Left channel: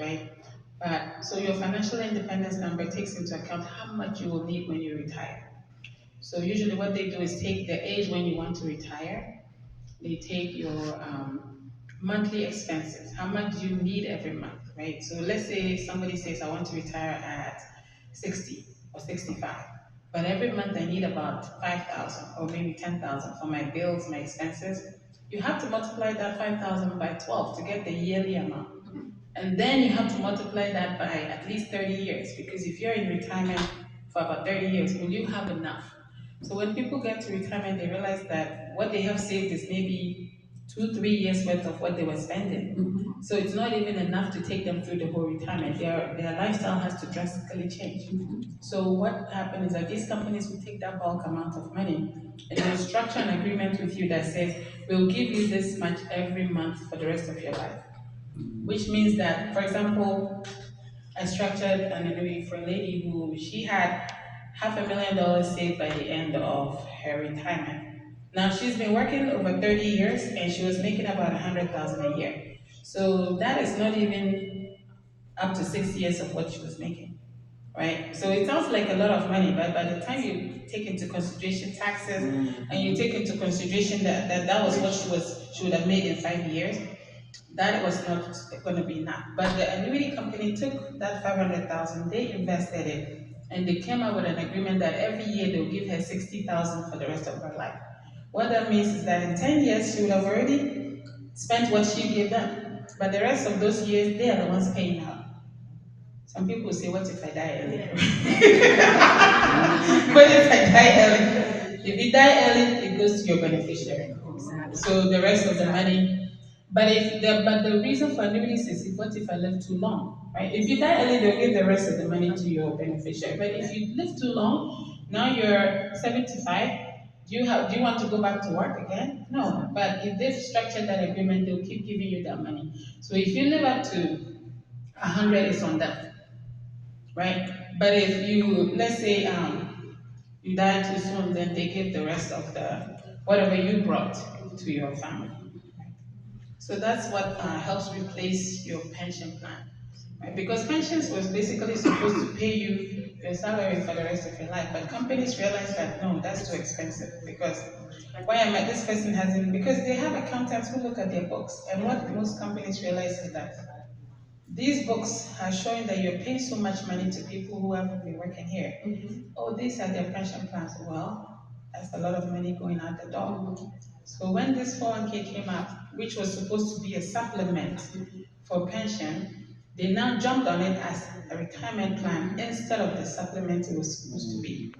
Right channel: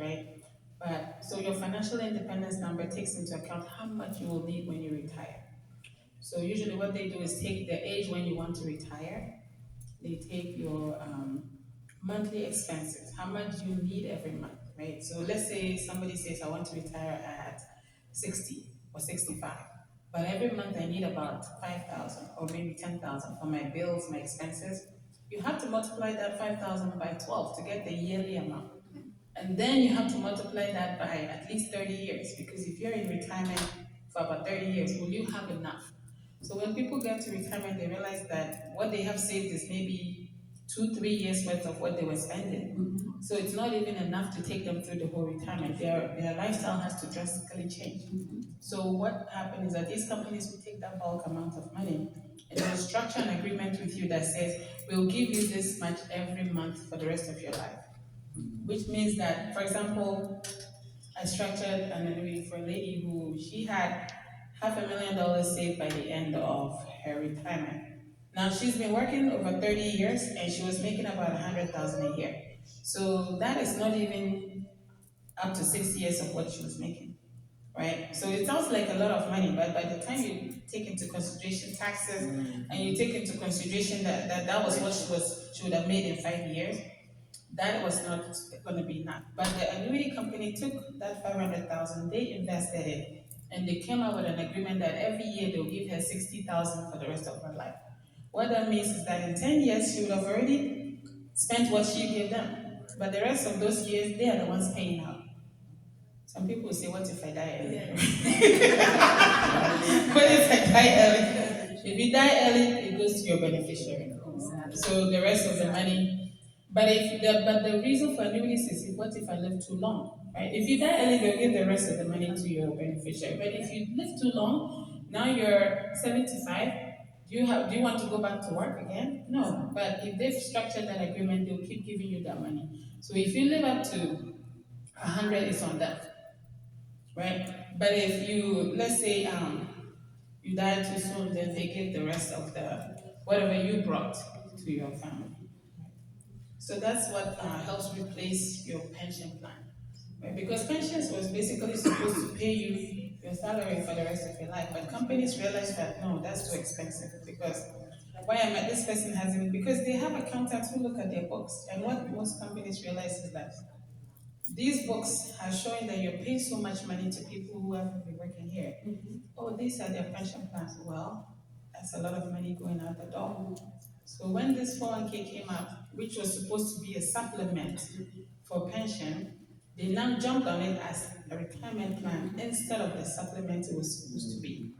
right? But so your financial independence number takes into account how much you will need when you retire. So usually what they do is take the age when you want to retire, they take your monthly expenses, how much you need every month, right? So let's say somebody says, I want to retire at 60 or 65, but every month I need about 5,000 or maybe 10,000 for my bills, my expenses. You have to multiply that 5,000 by 12 to get the yearly amount. And then you have to multiply that by at least 30 years, because if you're in retirement for about 30 years, will you have enough? So when people get to retirement, they realize that what they have saved is maybe 2, 3 years worth of what they were spending. So it's not even enough to take them through the whole retirement. Their lifestyle has to drastically change. So what happens is that these companies will take that bulk amount of money and they'll structure an agreement with you that says, we'll give you this much every month for the rest of your life. Which means that, for example, I structured an annuity for a lady who she had $500,000 saved by the end of her retirement. Now she's been working over 30 years and she was making about 100,000 a year. So that is not even up to 6 years of what she was making, right? So it sounds like a lot of money, but by the time you take into consideration taxes and you take into consideration that was what she would have made in 5 years, that was not going to be enough. But the annuity company took that 500,000, they invested it, and they came up with an agreement that every year they'll give her 60,000 for the rest of her life. What that means is that in 10 years she would have already spent what she gave them, but the rest of those years they are the ones paying out. Some people say, "What if I die early?" What if I die early? If you die early, it goes to your beneficiary. So the rest of the money. But the reason for annuities is what if I live too long, right? If you die early, they'll give the rest of the money to your beneficiary. But if you live too long, now you're 75. Do you want to go back to work again? No. But if they've structured that agreement, they'll keep giving you that money. So if you live up to 100, it's on them, right? But if you, let's say, you die too soon, then they give the rest of the whatever you brought to your family. So that's what helps replace your pension plan, right? Because pensions was basically supposed to pay you your salary for the rest of your life, but companies realize that no, that's too expensive because why am I? This person hasn't, because they have accountants who look at their books, and what most companies realize is that these books are showing that you're paying so much money to people who haven't been working here. Oh, these are their pension plans. Well, that's a lot of money going out the door. So when this 401k came out, which was supposed to be a supplement for pension, they now jumped on it as a retirement plan instead of the supplement it was supposed to be.